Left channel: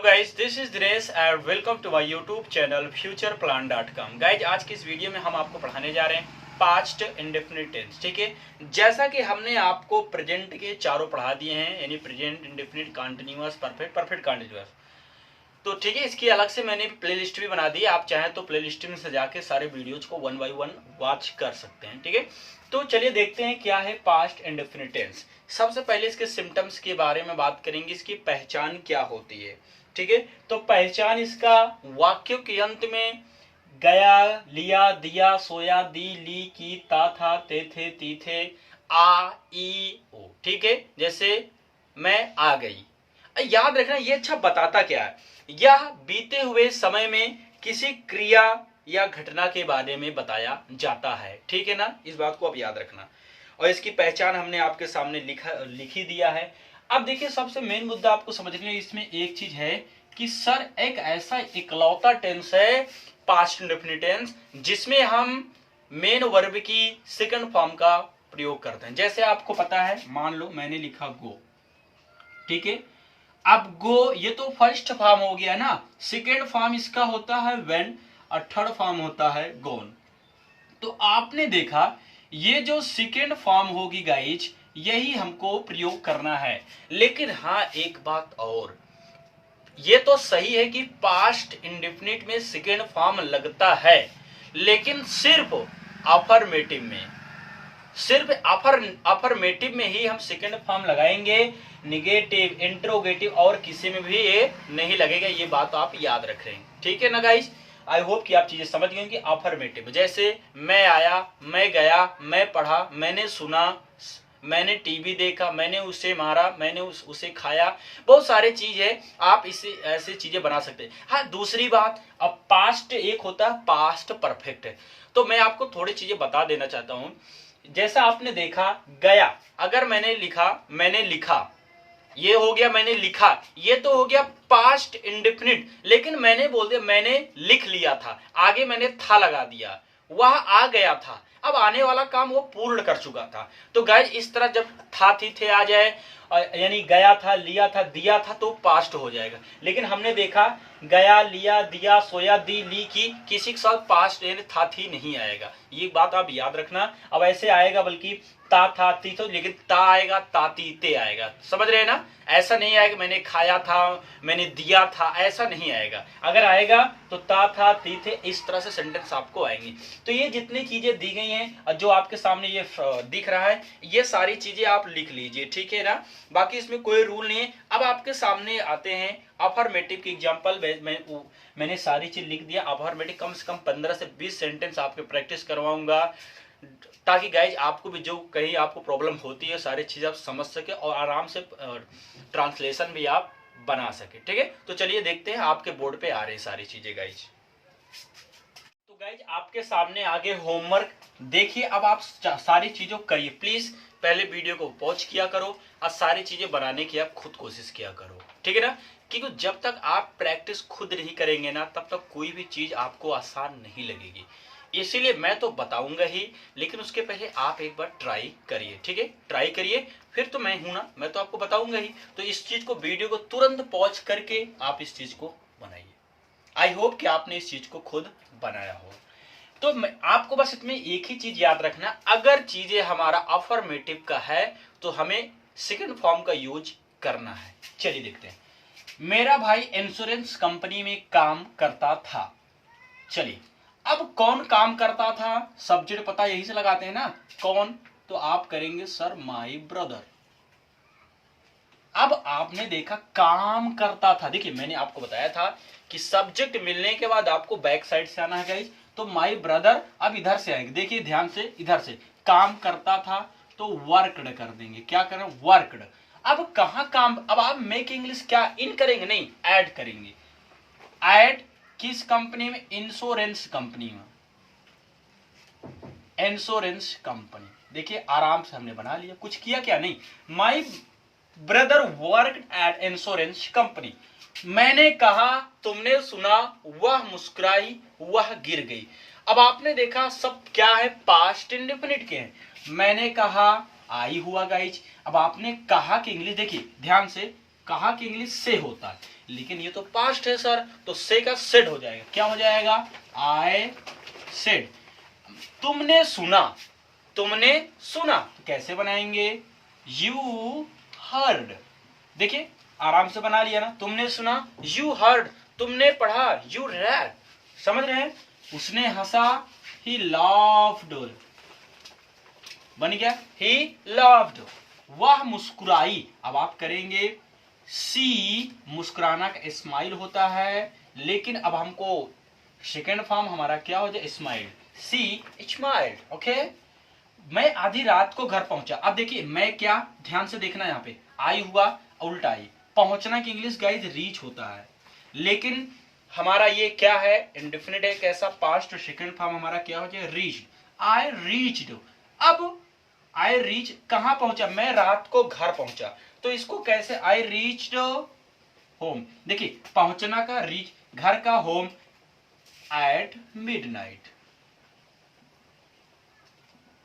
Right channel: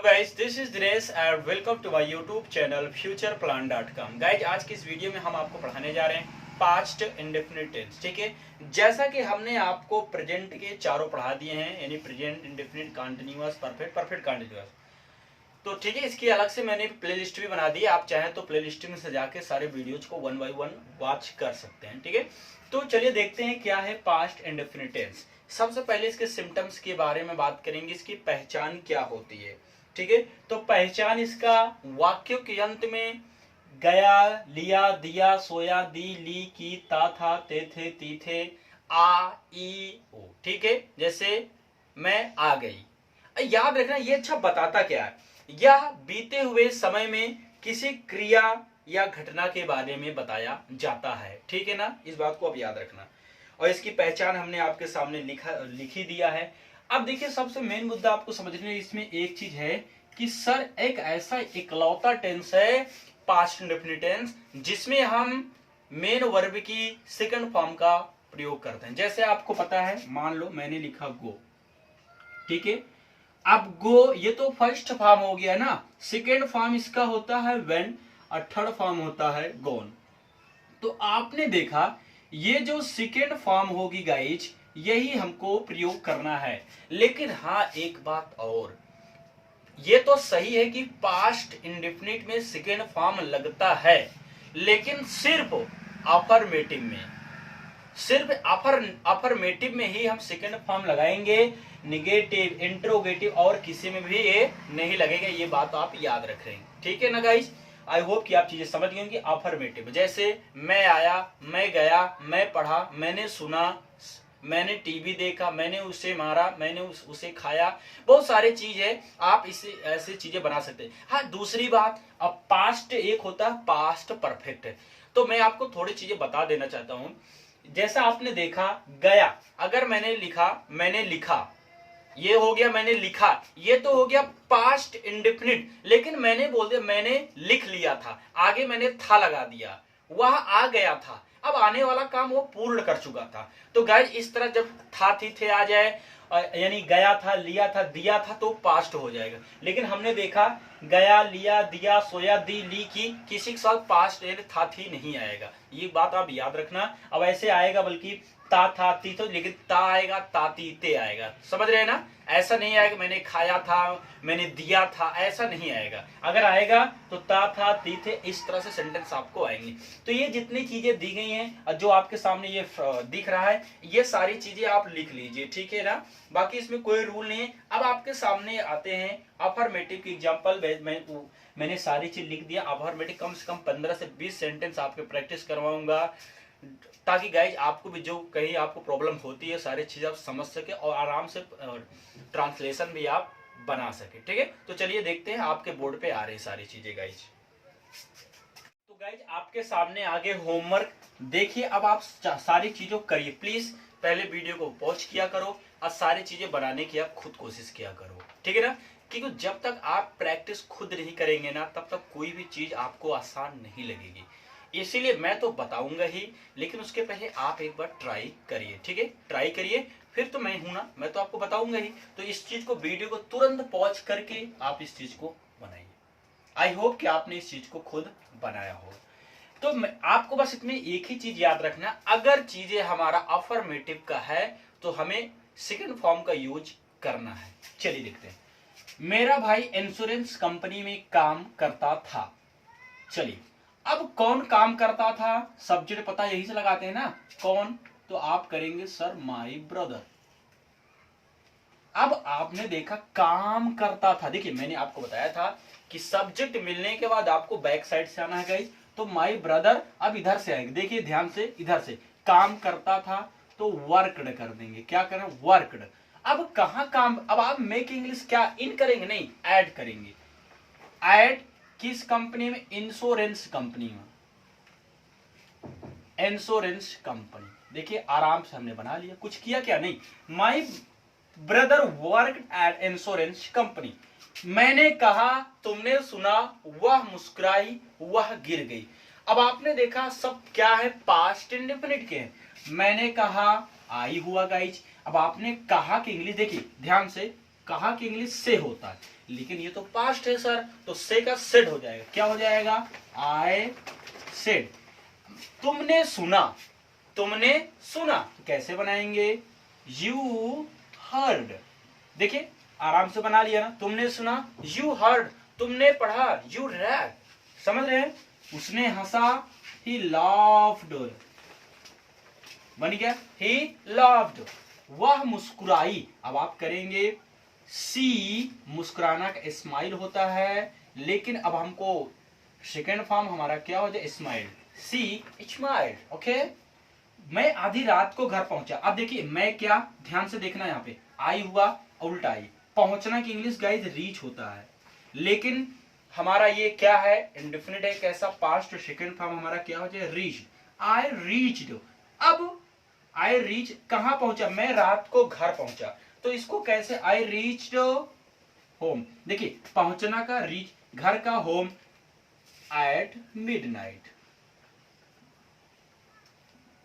Hello guys, this is Dinesh and welcome to my YouTube channel futureplan.com। Guys आज की इस video में हम आपको पढ़ाने जा रहे हैं पास्ट इंडेफिनिट टेंस। ठीक है, जैसा कि हमने आपको प्रेजेंट के चारों पढ़ा दिए हैं, यानी present, indefinite, continuous, perfect, perfect continuous. तो ठीक है, इसकी अलग से मैंने प्लेलिस्ट भी बना दी है। आप चाहें तो प्लेलिस्ट में से जाके सारे वीडियोज को वन बाय वन वॉच कर सकते हैं। ठीक है, तो चलिए देखते हैं क्या है पास्ट इंडेफिनिट टेंस। सबसे पहले इसके सिम्टम्स के बारे में बात करेंगे, इसकी पहचान क्या होती है। ठीक है, तो पहचान इसका वाक्यों के अंत में गया, लिया, दिया, सोया, दी, ली, की, ता, था, ते, थे, ती, थे, आ, ई, ओ। ठीक है, जैसे मैं आ गई। याद रखना, ये अच्छा बताता क्या है, यह बीते हुए समय में किसी क्रिया या घटना के बारे में बताया जाता है। ठीक है ना, इस बात को आप याद रखना। और इसकी पहचान हमने आपके सामने लिखी दिया है। अब देखिए, सबसे मेन मुद्दा आपको समझने में इसमें एक चीज है कि सर एक ऐसा इकलौता टेंस है पास्ट इंडेफिनिट टेंस जिसमें हम मेन वर्ब की सेकंड फॉर्म का प्रयोग करते हैं। जैसे आपको पता है, मान लो मैंने लिखा गो। ठीक है, अब गो ये तो फर्स्ट फॉर्म हो गया ना, सेकेंड फॉर्म इसका होता है वेन और थर्ड फॉर्म होता है गोन। तो आपने देखा ये जो सेकेंड फॉर्म होगी गाइज, यही हमको प्रयोग करना है। लेकिन हाँ, एक बात और, ये तो सही है कि पास्ट इंडेफिनिट में सेकेंड फॉर्म लगता है, लेकिन सिर्फ अफर्मेटिव में, सिर्फ अफर्मेटिव में ही हम सेकेंड फॉर्म लगाएंगे। निगेटिव, इंट्रोगेटिव और किसी में भी ये नहीं लगेगा। ये बात आप याद रखें। ठीक है ना गाइस, आई होप कि आप चीजें समझ गए कि अफर्मेटिव जैसे मैं आया, मैं गया, मैं पढ़ा, मैंने सुना, मैंने टीवी देखा, मैंने उसे मारा, मैंने उसे खाया, बहुत सारे चीज है। आप इसे ऐसे चीजें बना सकते हैं। हाँ, दूसरी बात, अब पास्ट एक होता है पास्ट परफेक्ट है। तो मैं आपको थोड़ी चीजें बता देना चाहता हूं। जैसा आपने देखा गया, अगर मैंने लिखा, ये हो गया मैंने लिखा, ये तो हो गया पास्ट इंडेफिनिट। लेकिन मैंने बोल दिया मैंने लिख लिया था, आगे मैंने था लगा दिया, वह आ गया था। अब आने वाला काम वो पूर्ण कर चुका था। तो गाइस, इस तरह जब था, थी, थे आ जाए, यानी गया था, लिया था, दिया था, तो पास्ट हो जाएगा। लेकिन हमने देखा गया, लिया, दिया, सोया, दी, ली, की, किसी के साथ पास्ट था, थी नहीं आएगा। ये बात आप याद रखना। अब ऐसे आएगा, बल्कि ता, था, ती, तो, लेकिन ता आएगा, ताती, ते आएगा। समझ रहे हैं ना, ऐसा नहीं आएगा मैंने खाया था, मैंने दिया था, ऐसा नहीं आएगा। अगर आएगा तो ता, था, ती, थे, इस तरह से सेंटेंस आपको आएंगे। तो ये जितनी चीजें दी गई हैं, जो आपके सामने ये दिख रहा है, ये सारी चीजें आप लिख लीजिए। ठीक है ना, बाकी इसमें कोई रूल नहीं है। अब आपके सामने आते हैं अफर्मेटिव की एग्जाम्पल। मैंने सारी चीज लिख दिया। अफर्मेटिव कम से कम 15 से 20 सेंटेंस आपके प्रैक्टिस करवाऊंगा, ताकि गाइज आपको भी जो कहीं आपको प्रॉब्लम होती है, सारी चीजें आप समझ सके और आराम से ट्रांसलेशन भी आप बना सके। ठीक है, तो चलिए देखते हैं, आपके बोर्ड पे आ रही सारी चीजें गाइज। तो गाइज आपके सामने आगे होमवर्क देखिए। अब आप सारी चीजों करिए। प्लीज पहले वीडियो को पॉज किया करो और सारी चीजें बनाने की आप खुद कोशिश किया करो। ठीक है ना, क्योंकि जब तक आप प्रैक्टिस खुद नहीं करेंगे ना, तब तक कोई भी चीज आपको आसान नहीं लगेगी। इसीलिए मैं तो बताऊंगा ही, लेकिन उसके पहले आप एक बार ट्राई करिए। ठीक है, ट्राई करिए, फिर तो मैं हूं ना, मैं तो आपको बताऊंगा ही। तो इस चीज को, वीडियो को तुरंत पॉज करके आप इस चीज को बनाइए। आई होप कि आपने इस चीज को खुद बनाया हो। तो मैं आपको बस इसमें एक ही चीज याद रखना, अगर चीजें हमारा अफर्मेटिव का है तो हमें सेकंड फॉर्म का यूज करना है। चलिए देखते हैं। मेरा भाई इंश्योरेंस कंपनी में काम करता था। चलिए, अब कौन काम करता था, सब्जेक्ट पता यही से लगाते हैं ना, कौन, तो आप करेंगे सर माई ब्रदर। अब आपने देखा काम करता था। देखिए, मैंने आपको बताया था कि सब्जेक्ट मिलने के बाद आपको बैक साइड से आना है गाइस। तो माई ब्रदर अब इधर से आएंगे। देखिए ध्यान से, इधर से काम करता था तो वर्कड कर देंगे। क्या करें, वर्कड। अब कहां काम, अब आप मेक इंग्लिश क्या इन करेंगे, नहीं ऐड करेंगे। ऐड किस कंपनी में, इंश्योरेंस कंपनी में, इंश्योरेंस कंपनी। देखिए आराम से हमने बना लिया, कुछ किया क्या, नहीं। My brother work at insurance company. मैंने कहा, तुमने सुना, वह मुस्कुराई, वह गिर गई। अब आपने देखा सब क्या है, पास्ट इंडेफिनिट के हैं। मैंने कहा, आई हुआ गाइज। अब आपने कहा कि इंग्लिश, देखिए ध्यान से, कहा कि इंग्लिश से होता है, लेकिन ये तो पास्ट है सर, तो से का सेड हो जाएगा। क्या हो जाएगा? I said. तुमने सुना, तुमने सुना, तो कैसे बनाएंगे? You heard. देखिए आराम से बना लिया ना, तुमने सुना, यू हर्ड, तुमने पढ़ा, यू रेड। समझ रहे हैं? उसने हंसा, ही लाफ्ड, बन गया ही लाफ्ड। वह मुस्कुराई, अब आप करेंगे सी, मुस्कुराना का स्माइल होता है, लेकिन अब हमको सेकेंड फॉर्म हमारा क्या हो जाए? स्माइल, सी स्माइल। ओके। मैं आधी रात को घर पहुंचा। अब देखिए मैं क्या, ध्यान से देखना, यहाँ पे आई हुआ उल्टा आई। पहुंचना की इंग्लिश गाइज रीच होता है, लेकिन हमारा ये क्या है? इंडेफिनिट है। कैसा? पास्ट। सेकंड फॉर्म हमारा क्या हो जाए? रीच। I reached. अब आई रीच कहां पहुंचा? मैं रात को घर पहुंचा, तो इसको कैसे? I reached home. देखिए पहुंचना का रीच, घर का होम एट मिडनाइट,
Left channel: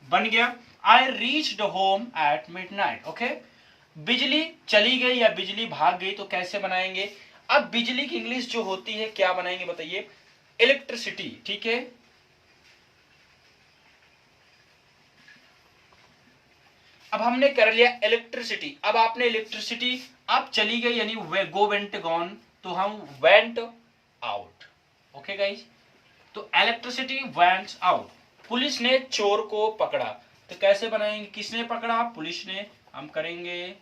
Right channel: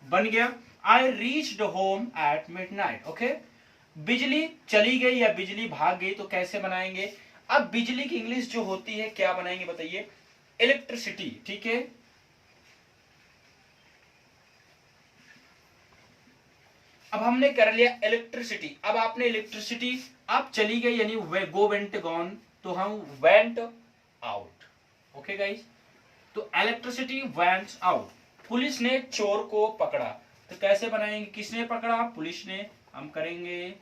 बन गया I reached home at midnight. Okay. बिजली चली गई या बिजली भाग गई, तो कैसे बनाएंगे? अब बिजली की इंग्लिश जो होती है क्या बनाएंगे बताइए? इलेक्ट्रिसिटी। ठीक है। अब हमने कर लिया इलेक्ट्रिसिटी। अब आपने इलेक्ट्रिसिटी, अब चली गई यानी गो वेंट गॉन, तो हम वेंट आउट। ओके गाइस, तो इलेक्ट्रिसिटी वेंट आउट। पुलिस ने चोर को पकड़ा, तो कैसे बनाएंगे? किसने पकड़ा? पुलिस ने। हम करेंगे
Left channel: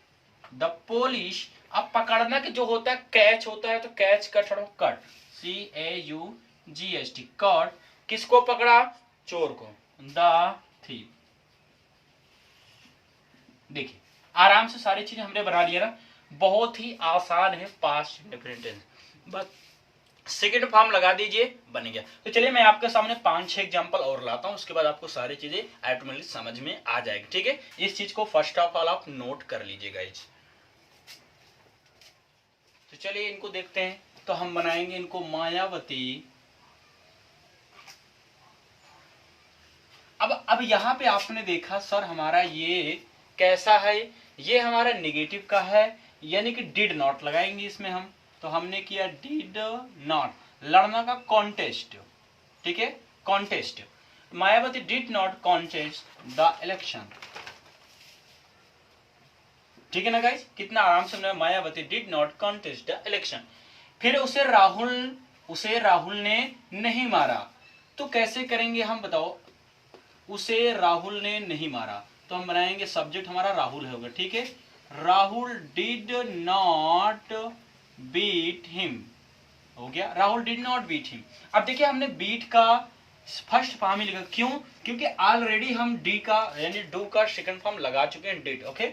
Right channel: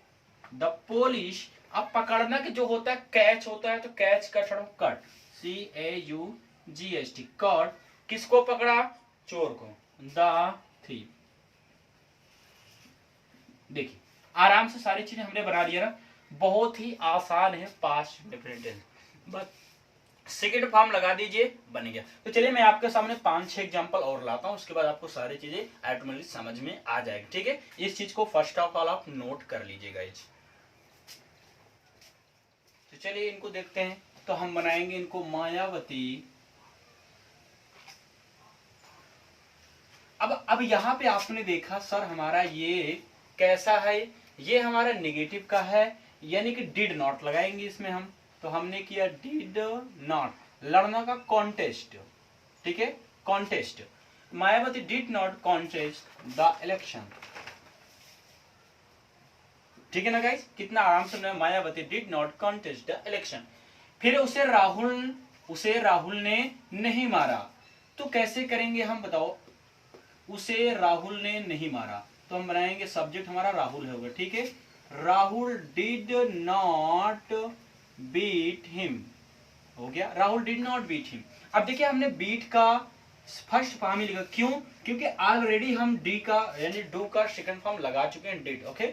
द पुलिस। अब पकड़ना के जो होता है कैच होता है, तो कैच का थोड़ा कट, CAUGST, कट। किसको पकड़ा? चोर को, द थीफ। देखिए आराम से सारी चीजें हमने बना लिया ना, बहुत ही आसान है पास्ट इंडेफिनिट टेंस। बस सेकेंड फॉर्म लगा दीजिए, बन गया। तो चलिए मैं आपके सामने 5-6 एग्जांपल और लाता हूं, उसके बाद आपको सारी चीजें ऑटोमेटिकली समझ में आ जाएगी। ठीक है, इस चीज को फर्स्ट ऑफ ऑल आप नोट कर लीजिएगा। तो चलिए इनको देखते हैं। तो हम बनाएंगे इनको मायावती। अब यहां पे आपने देखा सर हमारा ये कैसा है? ये हमारा नेगेटिव का है, यानी कि डिड नॉट लगाएंगे इसमें हम। तो हमने किया डिड नॉट, लड़ना का कॉन्टेस्ट। ठीक है, contest. Mayawati did not contest the election. ठीक है ना गाइस, कितना आराम से Mayawati did not contest the election. फिर उसे राहुल ने नहीं मारा, तो कैसे करेंगे हम बताओ? उसे राहुल ने नहीं मारा, तो हम बनाएंगे सब्जेक्ट हमारा राहुल होगा। ठीक है, Rahul did not beat him, हो गया Rahul did not beat him. अब देखिए हमने बीट का फर्स्ट फॉर्म ही लिखा, क्यों? क्योंकि ऑलरेडी हम डी का यानी डू का सेकंड फॉर्म लगा चुके हैं, डिड। ओके।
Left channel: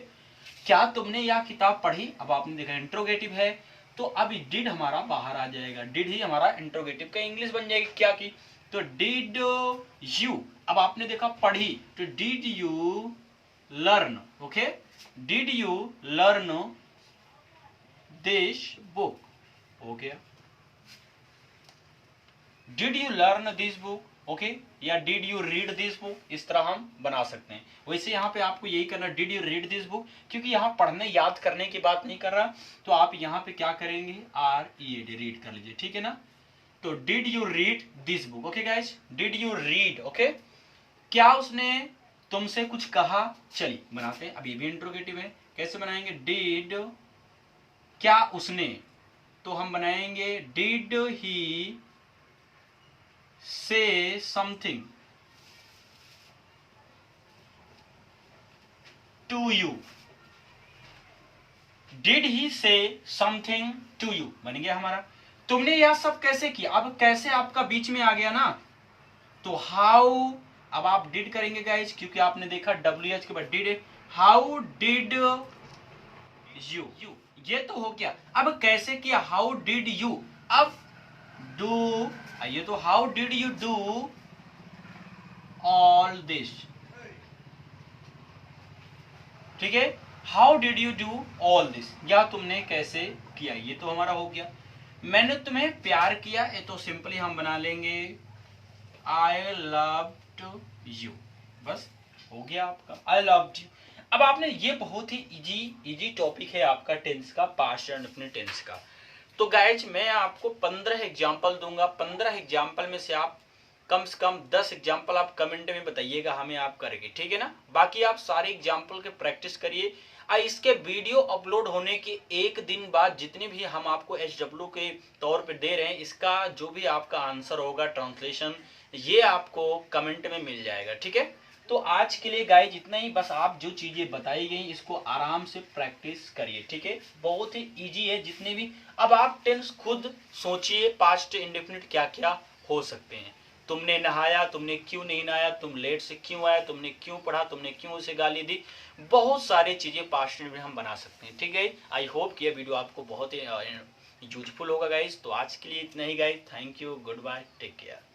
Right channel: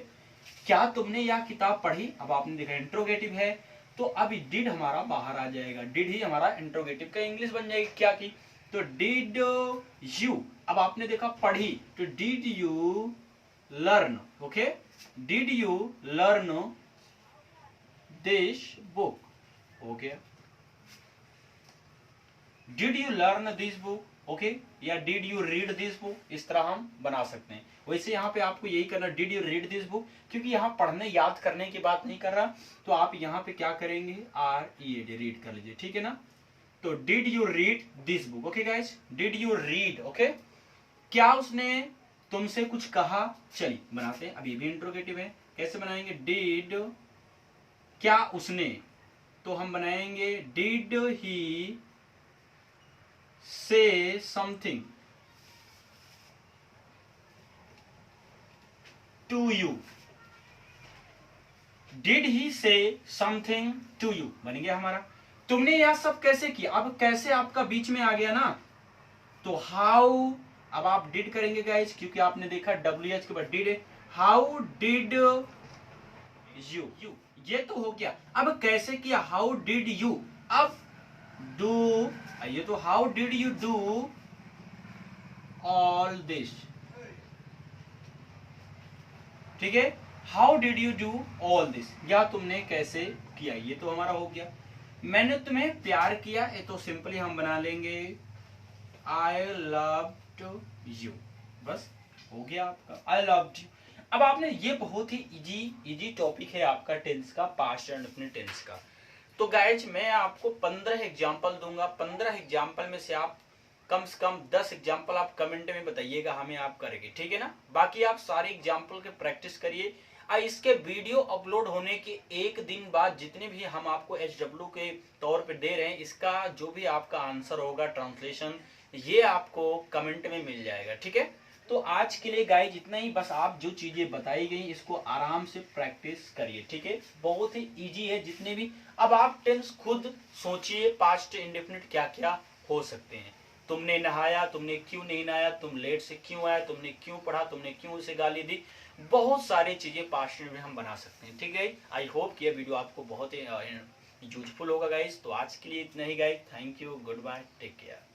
क्या तुमने यह किताब पढ़ी? अब आपने देखा इंट्रोगेटिव है, तो अब डिड हमारा बाहर आ जाएगा। डिड ही हमारा इंट्रोगेटिव का इंग्लिश बन जाएगी। क्या की? तो डिड यू। अब आपने देखा पढ़ी, तो did you learn. Okay, did you learn this book, हो गया। Did you learn this book, okay, या did you read this book, इस तरह हम बना सकते हैं। वैसे यहाँ पे आपको यही करना, did you read this book, क्योंकि यहाँ पढ़ने याद करने की बात नहीं कर रहा, तो आप यहाँ पे क्या करेंगे? READ, रीड कर लीजिए। ठीक है ना, तो did you read this book. Okay guys, did you read. Okay, क्या उसने तुमसे कुछ कहा? चलिए बनाते हैं। अब ये भी इंट्रोगेटिव है, कैसे बनाएंगे? डिड, क्या उसने, तो हम बनाएंगे did he say something to you, did he say something to you, बन गया हमारा। तुमने यह सब कैसे किया? अब कैसे आपका बीच में आ गया ना, तो हाउ। अब आप डिड करेंगे गाइस, क्योंकि आपने देखा WH के बाद डिड। हाउ डिड यू, ये तो हो गया। अब कैसे किया? How did you. अब डू, ये तो how did you do all this. ठीक है, how did you do all this, या तुमने कैसे किया, ये तो हमारा हो गया। मैंने तुम्हें प्यार किया, ये तो सिंपली हम बना लेंगे आई लव्ड यू, बस हो गया आपका आई लव्ड यू। अब आपने ये बहुत ही इजी टॉपिक है आपका टेंस का, पास्ट एंड अपने टेंस का। तो गाइज मैं आपको 15 एग्जाम्पल दूंगा, 15 एग्जाम्पल में से आप कम से कम 10 एग्जाम्पल आप कमेंट में बताइएगा हमें आप करेंगे, ठीक है ना। बाकी आप सारे एग्जाम्पल के प्रैक्टिस करिए। इसके वीडियो अपलोड होने के एक दिन बाद जितने भी हम आपको HW के तौर पे दे रहे हैं, इसका जो भी आपका आंसर होगा ट्रांसलेशन, ये आपको कमेंट में मिल जाएगा, ठीक है। तो आज के लिए गाइज इतना ही, बस आप जो चीजें बताई गई इसको आराम से प्रैक्टिस करिए, ठीक है। बहुत ही इजी है जितने भी। अब आप टेंस खुद सोचिए, पास्ट इंडेफिनिट क्या क्या हो सकते हैं। तुमने नहाया, तुमने क्यों नहीं नहाया, तुम लेट से क्यों आया, तुमने क्यों पढ़ा, तुमने क्यों उसे गाली दी, बहुत सारी चीजें पास्ट में हम बना सकते हैं, ठीक है। आई होप कि यह वीडियो आपको बहुत ही यूजफुल होगा गाइज। तो आज के लिए इतना ही guys, thank you, goodbye, take care.